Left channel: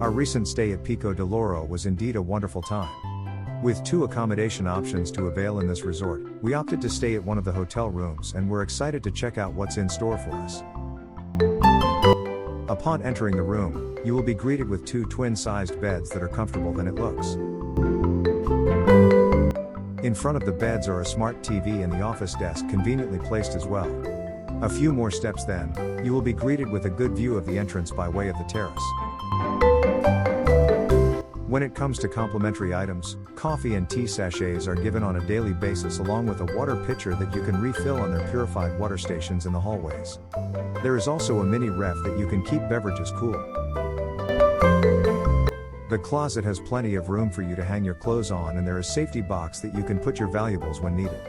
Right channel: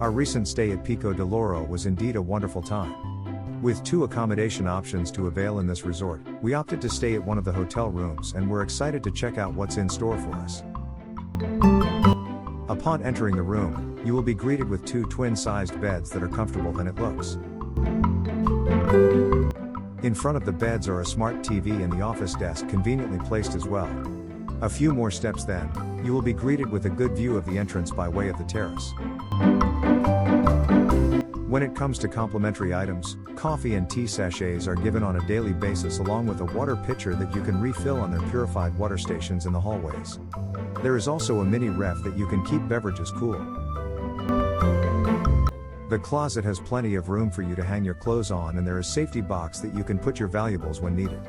Our recent stay at Pico De Loro was indeed a wonderful time. With 2 accommodation options to avail in this resort, we opted to stay at one of the hotel rooms and we're excited to check out what's in store for us. Upon entering the room, you will be greeted with 2 twin-sized beds that are comfortable than it looks. In front of the beds are a smart TV and the office desk conveniently placed as well. A few more steps then, you will be greeted with a good view of the entrance by way of the terrace. When it comes to complimentary items, coffee and tea sachets are given on a daily basis along with a water pitcher that you can refill on their purified water stations in the hallways. There is also a mini ref that you can keep beverages cool. The closet has plenty of room for you to hang your clothes on and there is a safety box that you can put your valuables when needed.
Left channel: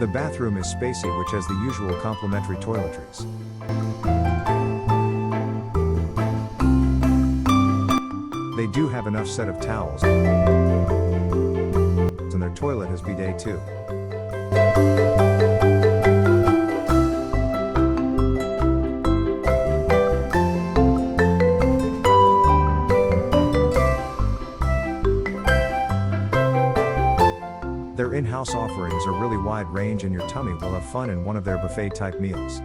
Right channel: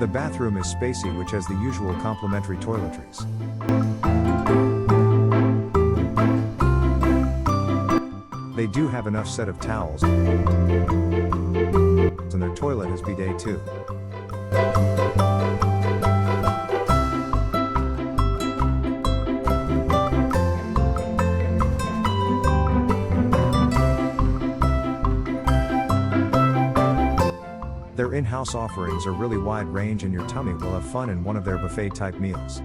The bathroom is spacey, which has the usual complimentary toiletries. They do have enough set of towels, and their toilet has bidet too. Their in-house offerings are really wide range and your tummy will have fun in one of their buffet-type meals.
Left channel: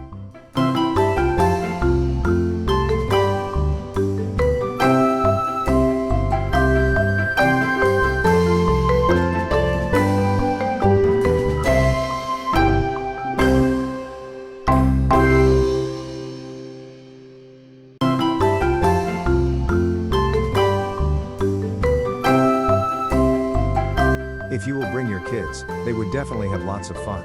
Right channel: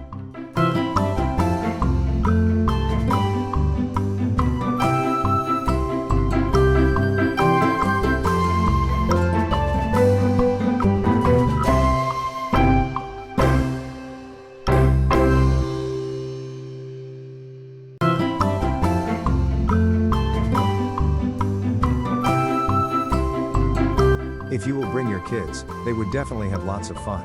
If you will bring your kids, they would definitely have lots of fun.